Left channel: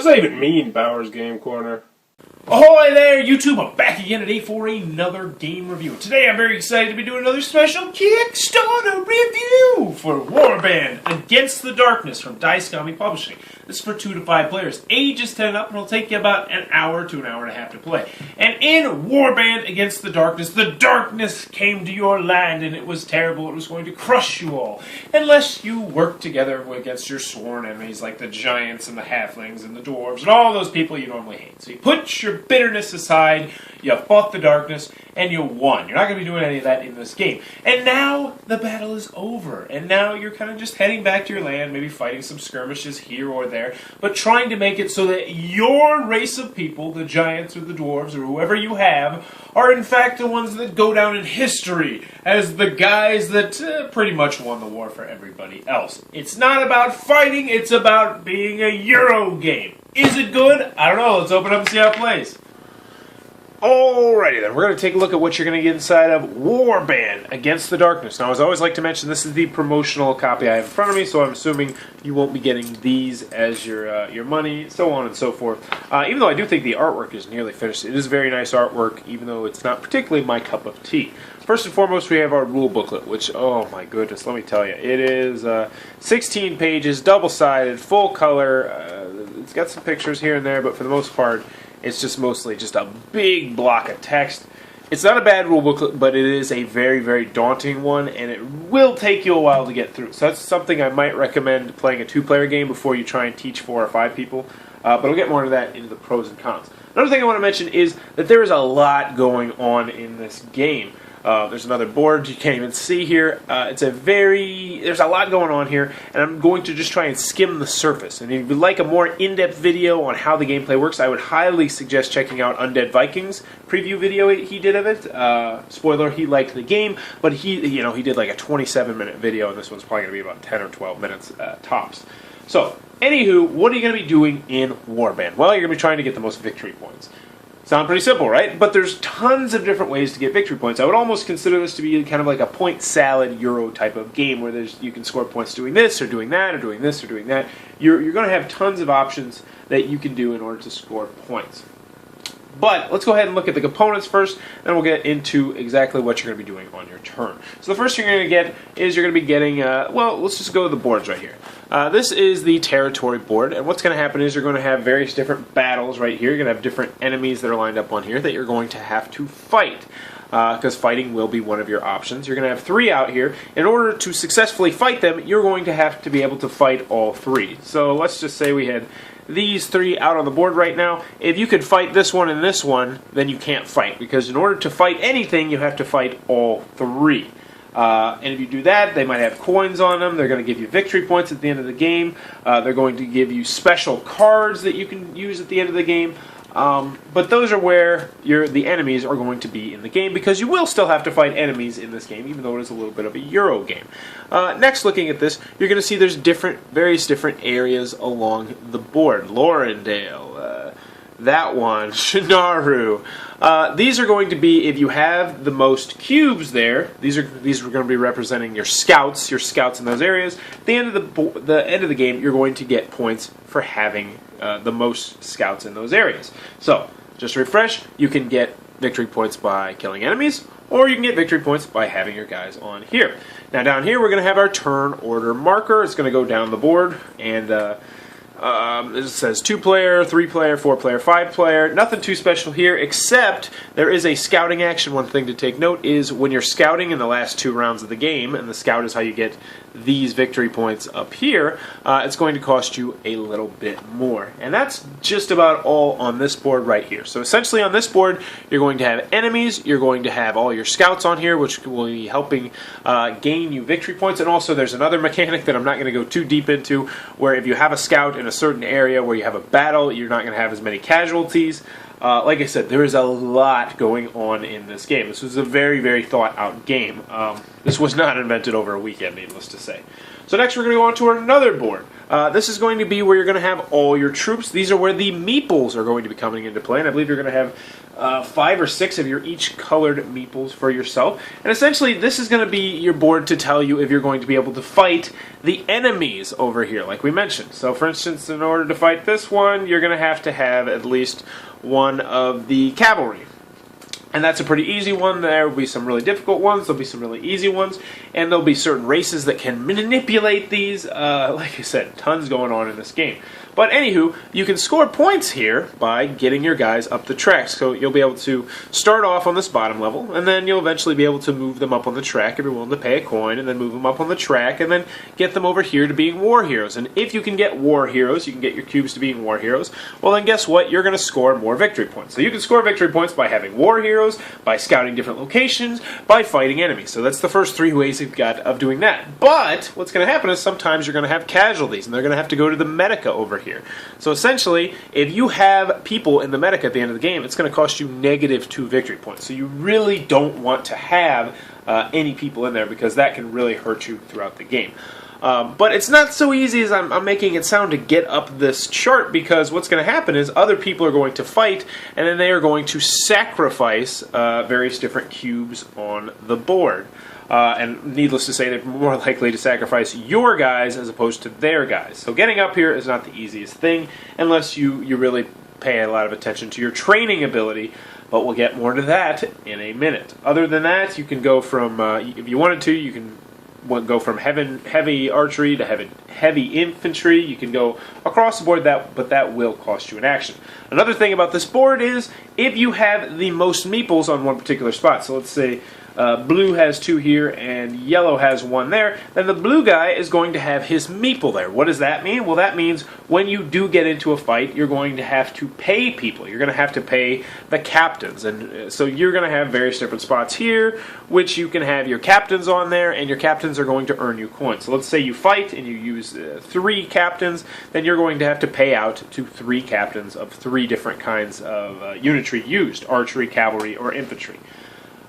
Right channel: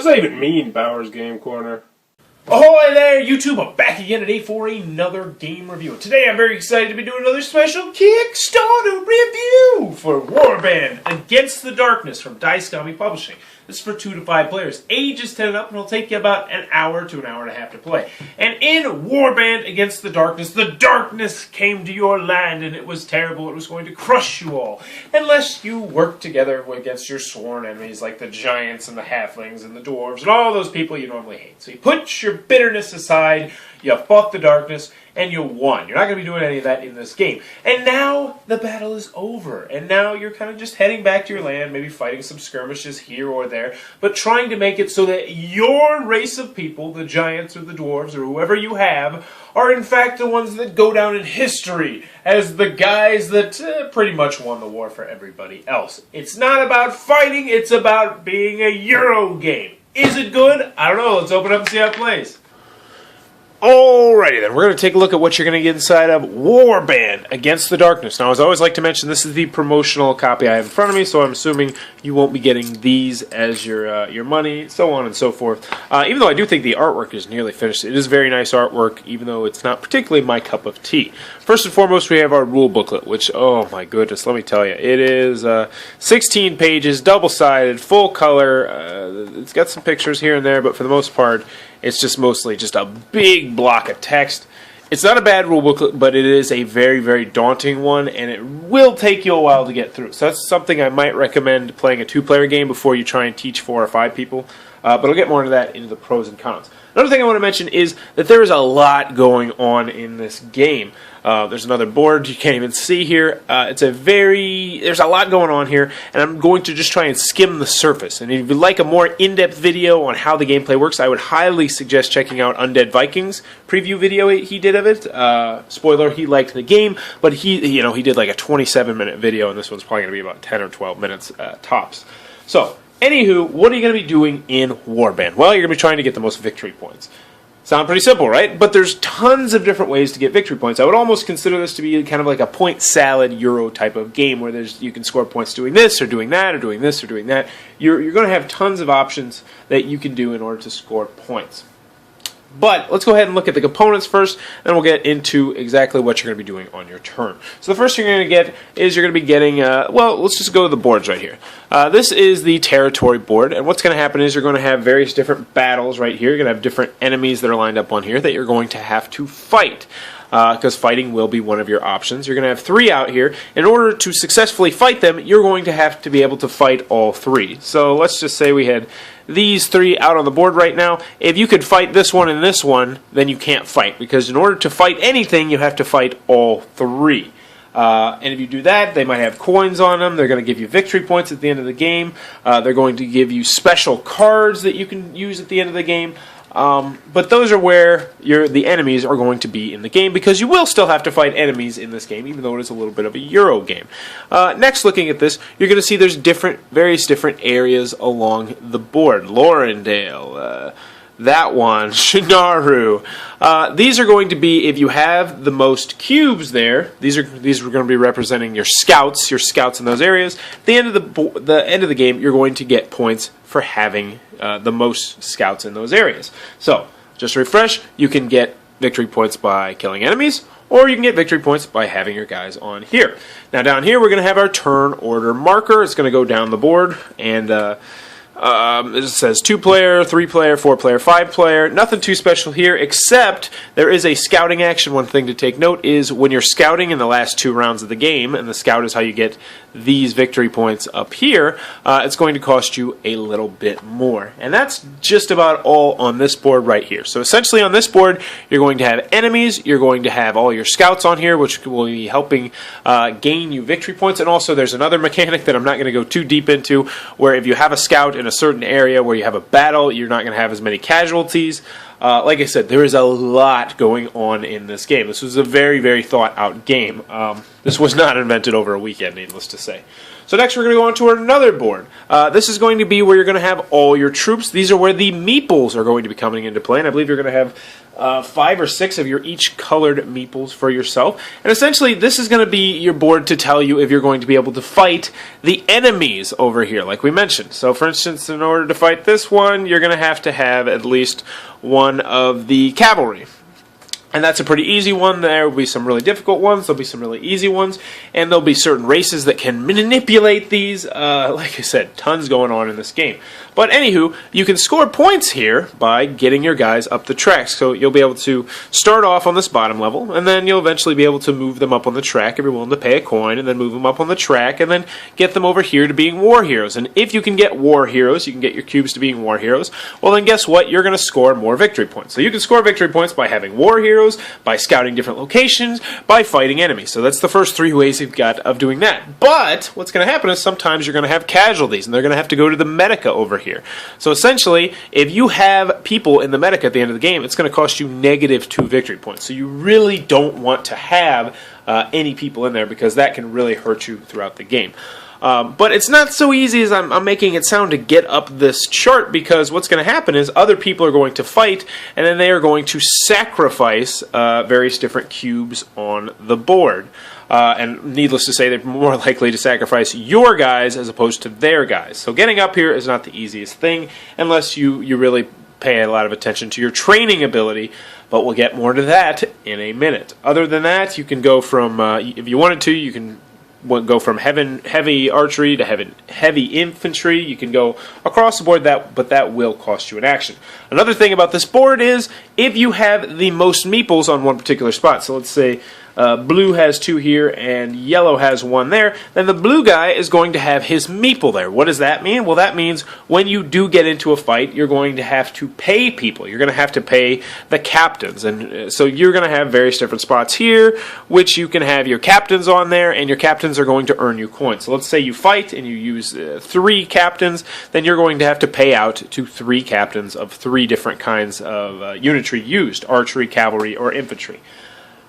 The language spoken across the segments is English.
does that even mean, Bowers Game Corner? Ahoy there, YouTube! I'm back again today for another game review. Today I'm very excited to be doing another special Kickstarter review for Warband Against the Darkness from Dice Comic Publishing. This is for 2 to 5 players. Age is 10 and up, and it'll take you about an hour to an hour and a half to play. And in Warband Against the darkness came to your land, and it was terrible. It was going to crush you all, unless you worked together against your sworn enemies like the giants and the halflings and the dwarves and all those people you normally hate. So you put your bitterness aside, you fought the darkness, and you won. You're not going to be doing any of that in this game. And now the battle is over, and now you're kind of just heading back to your land, maybe fighting some skirmishes here or there, but trying to make it so that your race of people, the giants or the dwarves or whoever you have, are in fact the ones that go down in history as the guys that pretty much won the war for everybody else. It's not about fighting, it's about being a Euro game. Is it good? I don't know. Let's open up and see how it plays. Alrighty then, we're going to take a look at what you're going to get inside of Warband Against the Darkness. Now, as I always like to mention, this is the promotional copy I have in front of me, so I'm assuming you won't be getting these as your money, so on and so forth. Even though I do think the artwork is nearly finished, it is very nice artwork, even though it's not particularly my cup of tea. First and foremost, we have our rule booklet, which, oh my goodness, let me tell you, it is 16 pages, double-sided, full color. It's got some pictures here and there, but for the most part, it's just mostly just a big block of text. It's not a bad rule booklet, but it is a very, very daunting one, and it will take you a while to get through. So that's something I might recommend playing a 2-player game before you try and teach 4 or 5 people. But I'll get more into that into the pros and cons. Another thing I want to mention is that there is a lot going on in this game. There's another board you can't even see here. There's a lot going on here, and I'm going to just try and skim the surface. And if you'd like a more in-depth video on how the gameplay works, I would highly suggest checking out Undead Vikings preview video he did of it. Spoiler, he liked the game, but he did like a 27-minute video, and this one's probably going to be about 10 or 12 minutes tops. So, anywho, what are you going to be doing in Warband? Well, you're going to be trying to get the most victory points. Sound pretty simple, right? But there's tons of different ways to get victory points. I would almost consider this to be kind of like a point salad Euro type of game where you can score points doing this or doing that or doing this or doing that. You're going to have tons of options that you can do in order to score points. But let's go ahead and look at the components first, and we'll get into exactly what you're going to be doing on your turn. So the first thing you're going to get is you're going to be getting, let's just go to the boards right here. This is the territory board, and what's going to happen is you're going to have various different battles right here. You're going to have different enemies that are lined up on here that you're going to have to fight. Because fighting will be one of your options. You're going to have 3 out here. In order to successfully fight them, you're going to have to be able to fight all 3. So let's just say we had these 3 out on the board right now. If you could fight this one and this one, then you can't fight. Because in order to fight anything, you have to fight all 3. And if you do that, they might have coins on them. They're going to give you victory points at the end of the game. They're going to give you special cards that you can use at the end of the game. But those are where the enemies are going to be in the game, because you will still have to fight enemies in this game, even though it is a little bit of a Euro game. Next, looking at this, you're going to see there's various different areas along the board. Lorendale, that one, Shenaru. These are going to be, if you have the most cubes there, these are going to be representing your scouts in those areas. At the end of the game, you're going to get points for having the most scouts in those areas. So, just to refresh, you can get victory points by killing enemies, or you can get victory points by having your guys on here. Now, down here, we're going to have our turn order marker. It's going to go down the board, and it says 2-player, 3-player, 4-player, 5-player. Nothing too special here, except there is a scouting action. One thing to take note is when you're scouting in the last 2 rounds of the game, and the scout is how you get these victory points up here, it's going to cost you a little bit more. And that's just about all on this board right here. So essentially on this board, you're going to have enemies, you're going to have all your scouts on here, which will be helping gain you victory points. And also there's another mechanic that I'm not going to go too deep into, where if you have a scout in a certain area where you have a battle, you're not going to have as many casualties. Like I said, there is a lot going on in this game. This was a very, very thought-out game. This was not invented over a weekend, needless to say. So next we're going to go on to another board. This is going to be where you're going to have all your troops. These are where the meeples are going to be coming into play, and I believe you're going to have 5 or 6 of your each colored meeples for yourself. And essentially, this is going to be your board to tell you if you're going to be able to fight the enemies over here, like we mentioned. So for instance, in order to fight this one, you're going to have at least one of the cavalry. And that's a pretty easy one. There will be some really difficult ones. There'll be some really easy ones. And there'll be certain races that can manipulate these. Like I said, tons going on in this game. But anywho, you can score points here by getting your guys up the track. So you'll be able to start off on this bottom level, and then you'll eventually be able to move them up on the track if you're willing to pay a coin, and then move them up on the track, and then get them over here to being war heroes. And if you can get war heroes, you can get your cubes to being war heroes, well then guess what? You're going to score more victory points. So you can score victory points by having war heroes, by scouting different locations, by fighting enemies. So that's the first 3 ways you've got of doing that. But what's going to happen is sometimes you're going to have casualties, and they're going to have to go to the Medica over here. So essentially, if you have people in the Medica at the end of the game, it's going to cost you -2 victory points. So you really don't want to have any people in there, because that can really hurt you throughout the game. But it's not so easy as I'm making it sound to get up this chart, because what's going to happen is other people are going to fight, and then they are going to sacrifice various different cubes on the board. And needless to say, they're more likely to sacrifice your guys as opposed to their guys. So getting up here is not the easiest thing, unless you really pay a lot of attention to your training ability, but we'll get more to that in a minute. Other than that, you can go from, if you wanted to, you can go from heavy archery to heavy infantry. You can go across the board, but that will cost you an action. Another thing about this board is if you have the most meeples on one particular spot, so let's say blue has 2 here and yellow has 1 there, then the blue guy is going to have his meeple there. What does that mean? Well, that means when you do get into a fight, you're going to have to pay people. You're going to have to pay the captains. And so you're going to have various different spots here, which you can have your captains on there, and your captains are going to earn you coins. So let's say you fight and you use 3 captains, then you're going to have to pay out to 3 captains of 3 different kinds of unitry used: archery, cavalry, or infantry.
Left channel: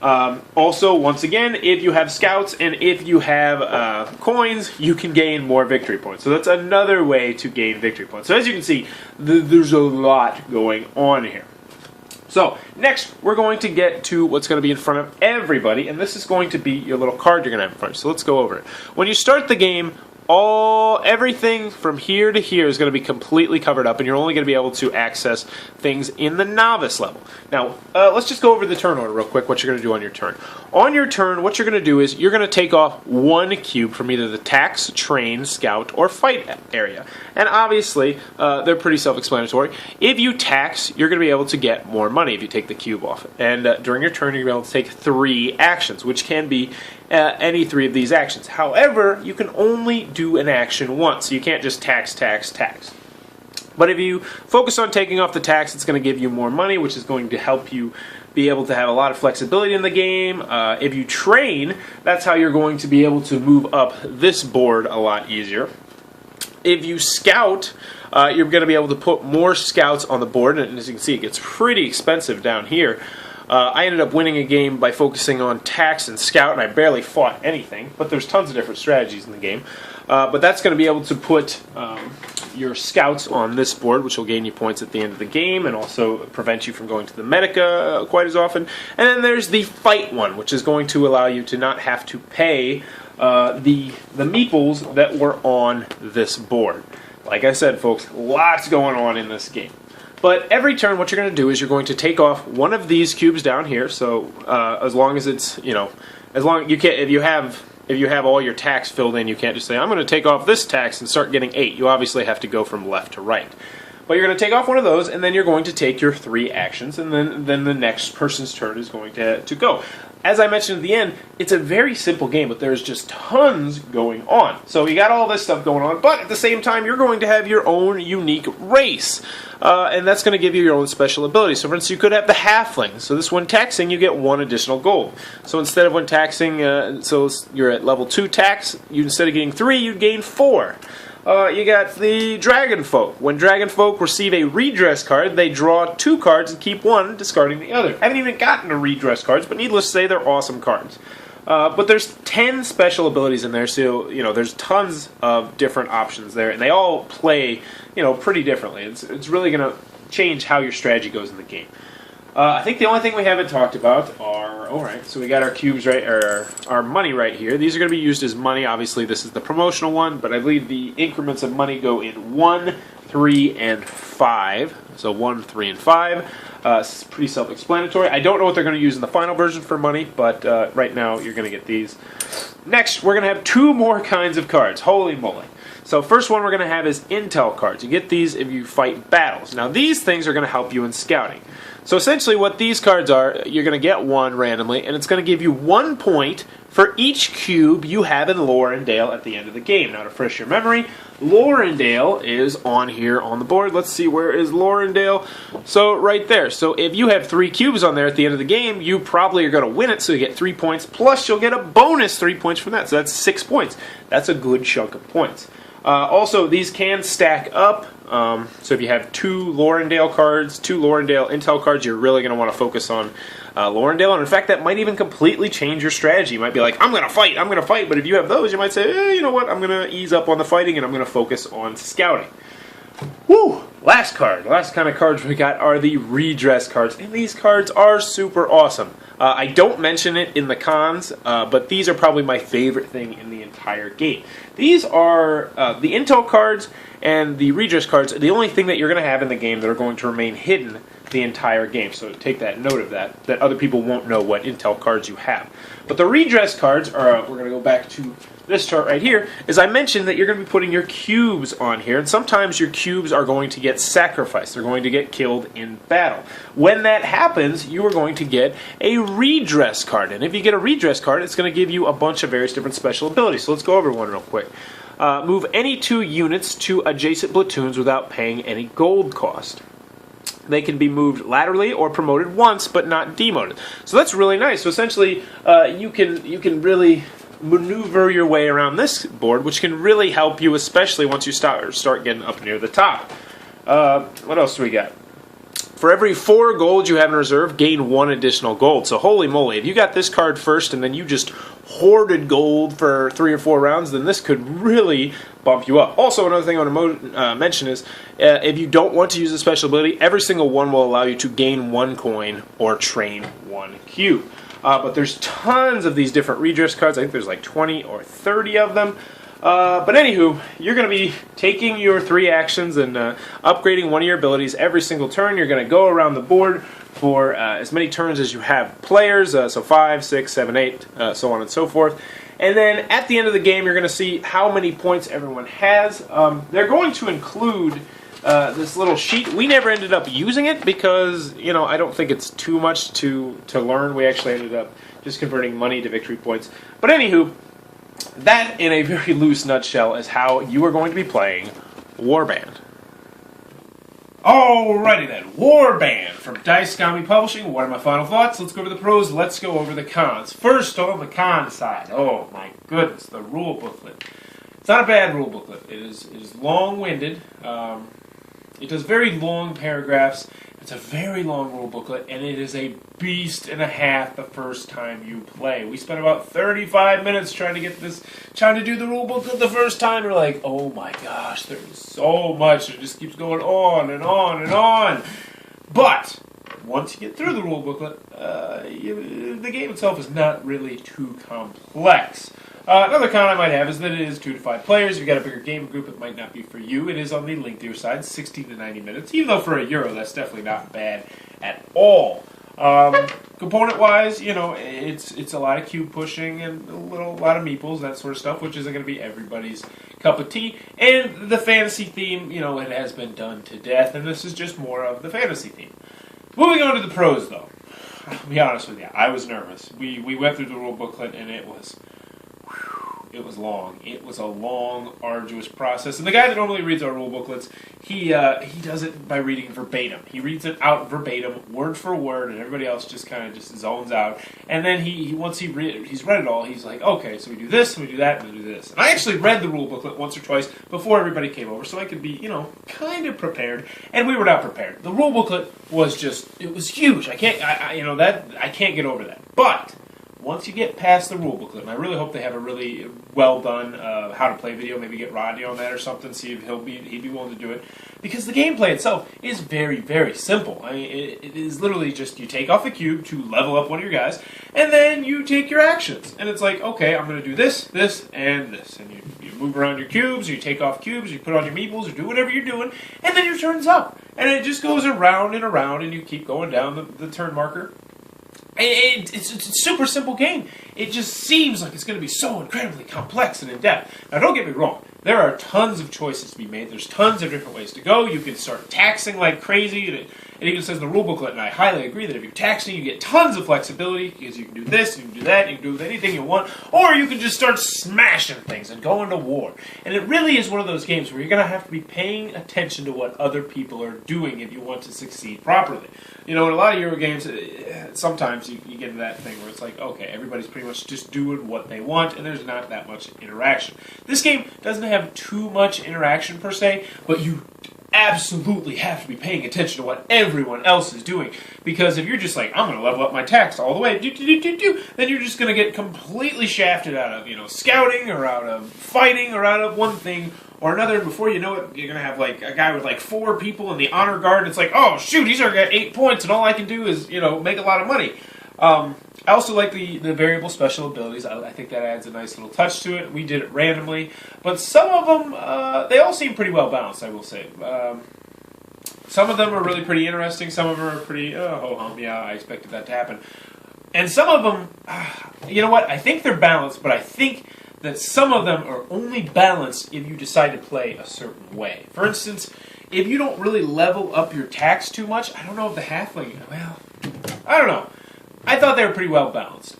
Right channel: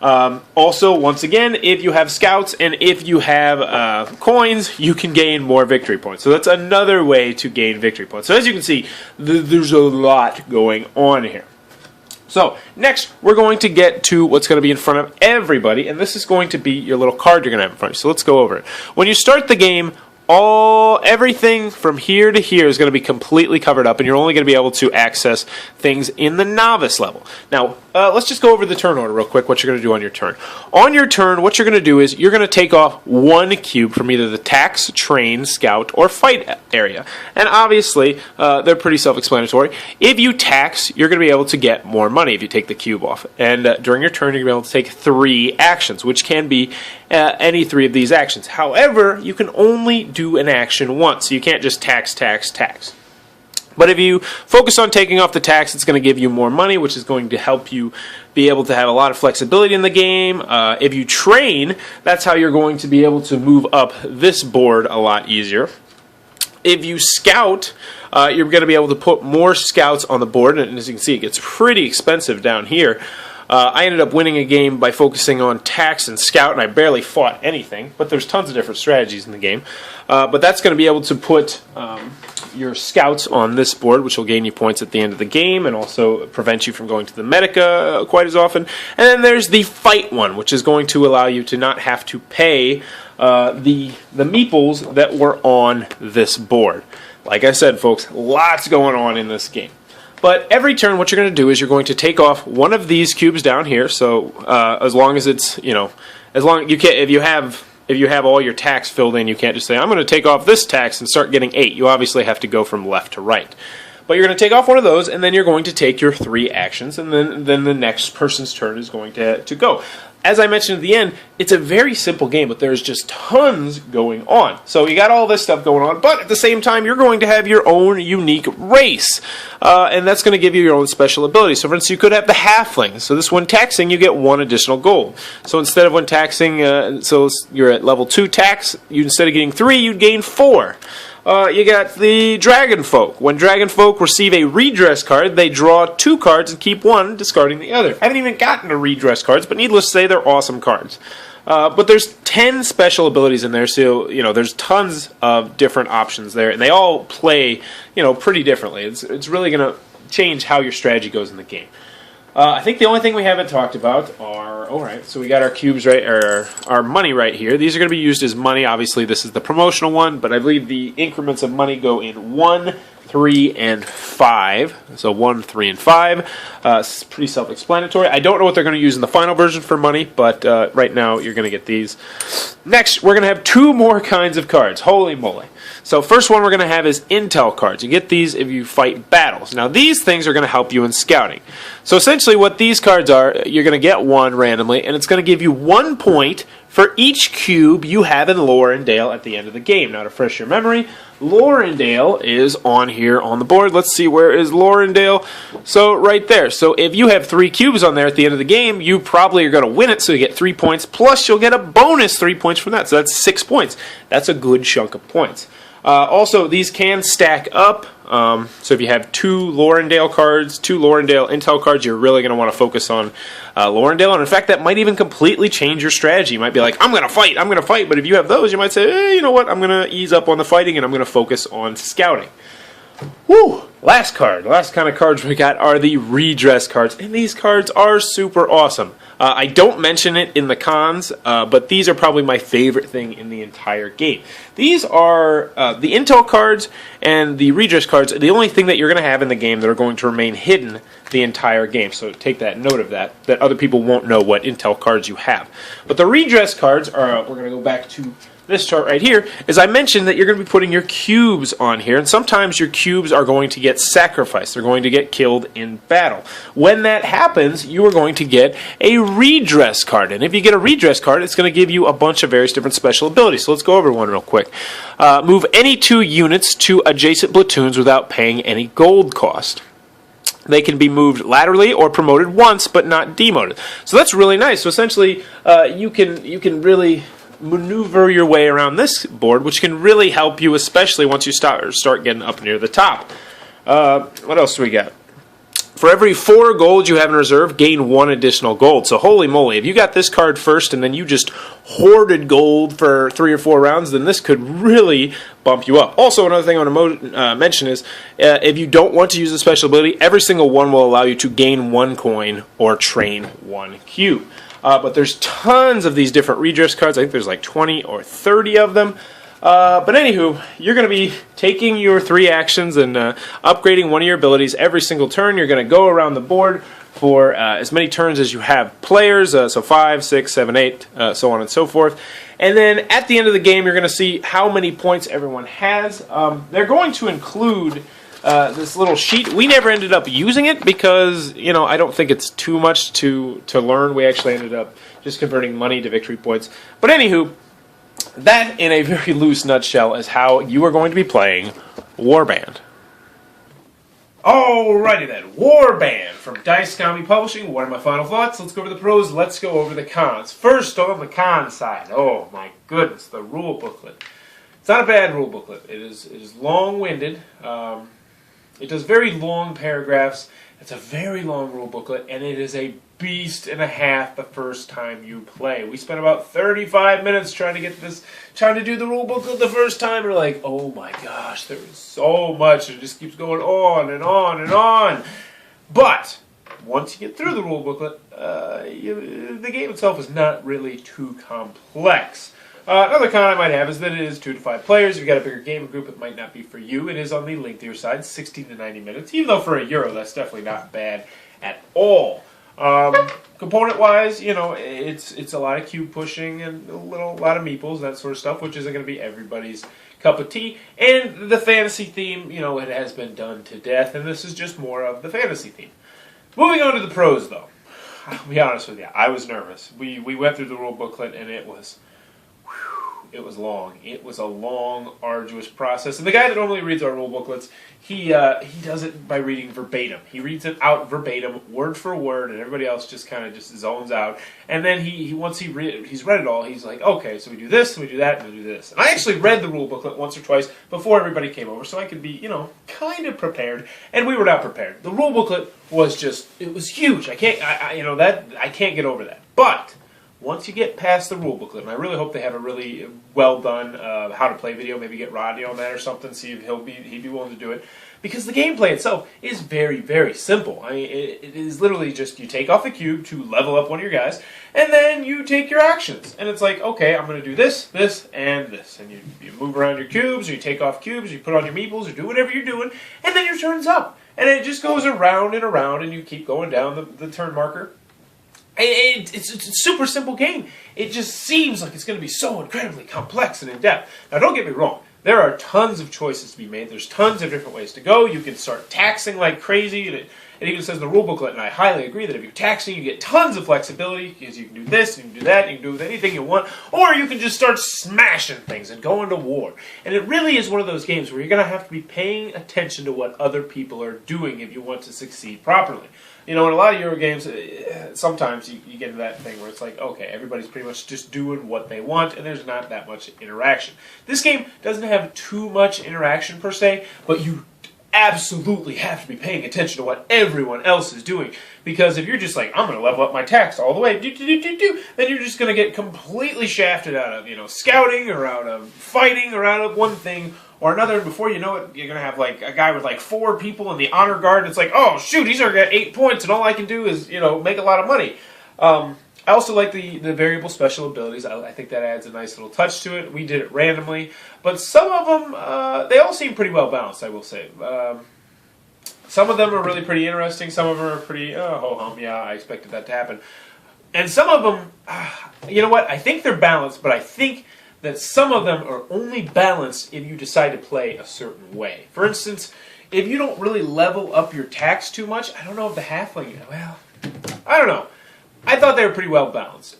Also, once again, if you have scouts and if you have coins, you can gain more victory points. So that's another way to gain victory points. So as you can see, there's a lot going on here. So next, we're going to get to what's going to be in front of everybody, and this is going to be your little card you're going to have in front of you. So let's go over it. When you start the game, everything from here to here is going to be completely covered up, and you're only going to be able to access things in the novice level. Now, let's just go over the turn order real quick, what you're going to do on your turn. On your turn, what you're going to do is you're going to take off 1 cube from either the tax, train, scout, or fight area. And obviously, they're pretty self-explanatory. If you tax, you're going to be able to get more money if you take the cube off. And during your turn, you're going to be able to take 3 actions, which can be any 3 of these actions. However, you can only do an action once. So you can't just tax, tax, tax. But if you focus on taking off the tax, it's going to give you more money, which is going to help you be able to have a lot of flexibility in the game. If you train, that's how you're going to be able to move up this board a lot easier. If you scout, you're going to be able to put more scouts on the board, and as you can see, it gets pretty expensive down here. I ended up winning a game by focusing on tax and scout, and I barely fought anything, but there's tons of different strategies in the game. But that's going to be able to put your scouts on this board, which will gain you points at the end of the game and also prevent you from going to the Medica quite as often. And then there's the fight one, which is going to allow you to not have to pay the meeples that were on this board. Like I said, folks, lots going on in this game. But every turn, what you're going to do is you're going to take off 1 of these cubes down here. So as long as it's, as long you can't, if you have all your tax filled in, you can't just say I'm going to take off this tax and start getting 8. You obviously have to go from left to right. But you're going to take off 1 of those, and then you're going to take your 3 actions, and then the next person's turn is going to go. As I mentioned at the end, it's a very simple game, but there's just tons going on. So you got all this stuff going on, but at the same time, you're going to have your own unique race. And that's going to give you your own special ability. So for instance, you could have the halfling. So this one taxing, you get 1 additional gold. So instead of when taxing, so you're at level 2 tax, instead of getting 3, you'd gain 4. You got the Dragon Folk. When Dragon Folk receive a redress card, they draw 2 cards and keep 1, discarding the other. I haven't even gotten to redress cards, but needless to say, they're awesome cards. But there's 10 special abilities in there, so there's tons of different options there, and they all play pretty differently. It's really going to change how your strategy goes in the game. I think the only thing we haven't talked about are, alright, so we got our cubes right, or our money right here. These are going to be used as money. Obviously, this is the promotional one, but I believe the increments of money go in 1, 3, and 5. So 1, 3, and 5. It's pretty self-explanatory. I don't know what they're going to use in the final version for money, but right now you're going to get these. Next, we're going to have 2 more kinds of cards. Holy moly. So first one we're going to have is intel cards. You get these if you fight battles. Now these things are going to help you in scouting. So essentially what these cards are, you're going to get 1 randomly, and it's going to give you 1 point for each cube you have in Lorendale at the end of the game. Now to refresh your memory, Lorendale is on here on the board. Let's see, where is Lorendale? So right there. So if you have 3 cubes on there at the end of the game, you probably are going to win it, so you get 3 points, plus you'll get a bonus 3 points from that. So that's 6 points. That's a good chunk of points. Also, these can stack up. So if you have 2 Lorendale cards, 2 Lorendale intel cards, you're really going to want to focus on Lorendale. And in fact, that might even completely change your strategy. You might be like, I'm going to fight. But if you have those, you might say, hey, you know what? I'm going to ease up on the fighting and I'm going to focus on scouting. Woo! Last kind of cards we got are the redress cards. And these cards are super awesome. I don't mention it in the cons, but these are probably my favorite thing in the entire game. These are the intel cards and the redress cards are the only thing that you're going to have in the game that are going to remain hidden the entire game. So take that note of that other people won't know what intel cards you have. But the redress cards are, we're going to go back to this chart right here, is I mentioned that you're going to be putting your cubes on here, and sometimes your cubes are going to get sacrificed. They're going to get killed in battle. When that happens, you are going to get a redress card, and if you get a redress card, it's going to give you a bunch of various different special abilities. So let's go over one real quick. Move any 2 units to adjacent platoons without paying any gold cost. They can be moved laterally or promoted once, but not demoted. So that's really nice. So essentially, you can really maneuver your way around this board, which can really help you, especially once you start getting up near the top. What else do we got? For every 4 gold you have in reserve, gain 1 additional gold. So holy moly, if you got this card first and then you just hoarded gold for 3 or 4 rounds, then this could really bump you up. Also, another thing I want to mention is, if you don't want to use a special ability, every single one will allow you to gain 1 coin or train 1 cube. But there's tons of these different redress cards. I think there's like 20 or 30 of them. But anywho, you're going to be taking your 3 actions and upgrading one of your abilities every single turn. You're going to go around the board for as many turns as you have players, so 5, 6, 7, 8, so on and so forth. And then at the end of the game, you're going to see how many points everyone has. They're going to include this little sheet. We never ended up using it because, I don't think it's too much to learn. We actually ended up just converting money to victory points. But anywho, that in a very loose nutshell is how you are going to be playing Warband. Alrighty then, Warband from Dice Comic Publishing. What are my final thoughts? Let's go over the pros, let's go over the cons. First, on the con side, oh my goodness, the rule booklet. It's not a bad rule booklet. It is long-winded. It does very long paragraphs. It's a very long rule booklet, and it is a beast and a half the first time you play. We spent about 35 minutes trying to do the rule booklet the first time. We're like, oh my gosh, there is so much. It just keeps going on and on and on. But once you get through the rule booklet, the game itself is not really too complex. Another con I might have is that it is 2 to 5 players. If you've got a bigger game group, it might not be for you. It is on the lengthier side, 16 to 90 minutes. Even though for a Euro, that's definitely not bad at all. Component-wise, it's a lot of cube pushing and a lot of meeples, that sort of stuff, which isn't going to be everybody's cup of tea. And the fantasy theme, it has been done to death, and this is just more of the fantasy theme. Moving on to the pros, though. I'll be honest with you, I was nervous. We went through the rule booklet, and it was It was long. It was a long, arduous process. And the guy that normally reads our rule booklets, he does it by reading verbatim. He reads it out verbatim, word for word, and everybody else just kind of just zones out. And then once he's read it all, he's like, okay, so we do this, and we do that, and we do this. And I actually read the rule booklet once or twice before everybody came over, so I could be, kind of prepared. And we were not prepared. The rule booklet was it was huge. I can't get over that. But once you get past the rule booklet, and I really hope they have a really well done how to play video, maybe get Rodney on that or something, see if he'd be willing to do it, because the gameplay itself is very, very simple. I mean, it is literally just you take off a cube to level up one of your guys, and then you take your actions, and it's like, okay, I'm going to do this, this, and this, and you move around your cubes, or you take off cubes, or you put on your meeples, or do whatever you're doing, and then your turn's up, and it just goes around and around, and you keep going down the turn marker. It's a super simple game. It just seems like it's going to be so incredibly complex and in-depth. Now, don't get me wrong. There are tons of choices to be made. There's tons of different ways to go. You can start taxing like crazy. And it even says in the rule booklet, and I highly agree, that if you're taxing, you get tons of flexibility, because you can do this, you can do that, you can do with anything you want, or you can just start smashing things and go into war. And it really is one of those games where you're going to have to be paying attention to what other people are doing if you want to succeed properly. In a lot of Euro games, sometimes you get into that thing where it's like, okay, everybody's pretty much just doing what they want, and there's not that much interaction. This game doesn't have too much interaction per se, but you absolutely have to be paying attention to what everyone else is doing, because if you're just like, I'm going to level up my tax all the way, then you're just going to get completely shafted out of, scouting, or out of fighting, or out of one thing or another, and before you know it, you're going to have like a guy with like 4 people in the honor guard, and it's like, oh shoot, he's already got 8 points, and all I can do is, make a lot of money. I also like the variable special abilities. I think that adds a nice little touch to it. We did it randomly, but some of them, they all seem pretty well balanced, I will say. Some of them are really pretty interesting. Some of them are pretty, ho-hum, yeah, I expected that to happen. And some of them, you know what, I think they're balanced, but I think that some of them are only balanced if you decide to play a certain way. For instance, if you don't really level up your tax too much, I don't know if the halfling, I don't know. I thought they were pretty well balanced.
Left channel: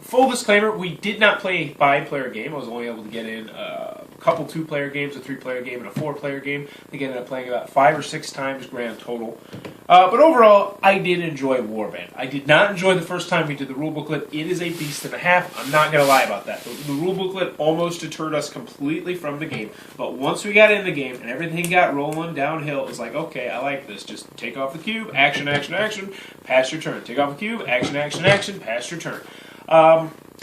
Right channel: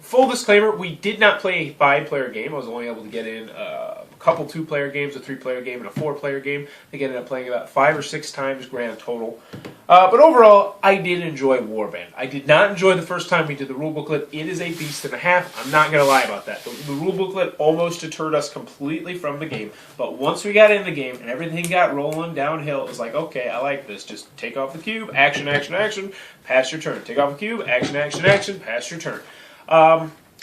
Full disclaimer, we did not play a 5-player game. I was only able to get in a couple 2-player games, a 3-player game, and a 4-player game. I think I ended up playing about 5 or 6 times grand total. But overall, I did enjoy Warband. I did not enjoy the first time we did the rule booklet. It is a beast and a half. I'm not going to lie about that. The rule booklet almost deterred us completely from the game. But once we got in the game and everything got rolling downhill, it was like, okay, I like this. Just take off the cube, action, action, action, pass your turn. Take off the cube, action, action, action, pass your turn.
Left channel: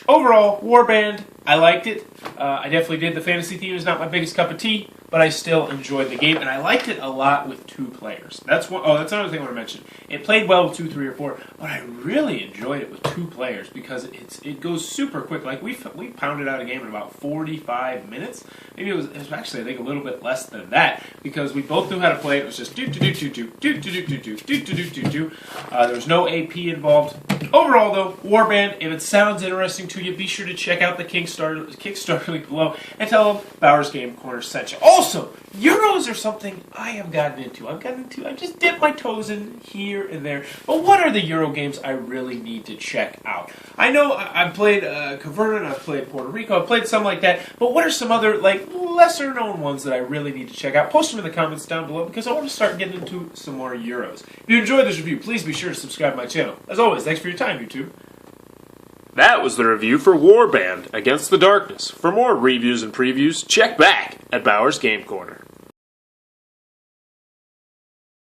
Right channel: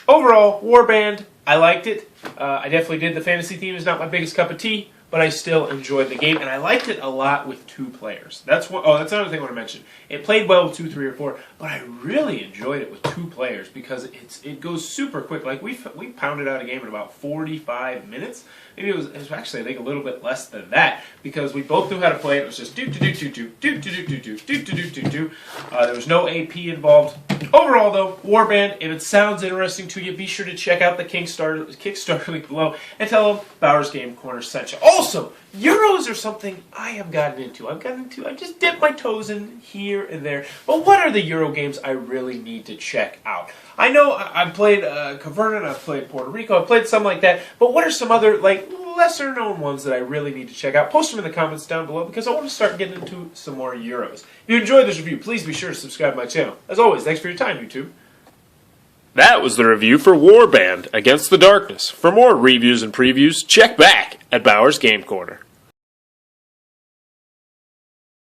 Overall, Warband, I liked it. I definitely did. The fantasy theme is not my biggest cup of tea, but I still enjoyed the game, and I liked it a lot with 2 players. That's another thing I want to mention. It played well with 2, 3, or 4, but I really enjoyed it with 2 players because it goes super quick. Like we pounded out a game in about 45 minutes. Maybe it was actually, I think, a little bit less than that, because we both knew how to play it. It was just do. There was no AP involved. Overall, though, Warband, if it sounds interesting to you, be sure to check out the Kickstarter link below and tell them Bowers Game Corner sent you. Also, Euros are something I have gotten into. I just dipped my toes in here and there. But what are the Euro games I really need to check out? I know I've played Caverna, I've played Puerto Rico, I've played some like that, but what are some other, lesser known ones that I really need to check out? Post them in the comments down below, because I want to start getting into some more Euros. If you enjoyed this review, please be sure to subscribe to my channel. As always, thanks for your time, YouTube. That was the review for Warband Against the Darkness. For more reviews and previews, check back at Bowers Game Corner.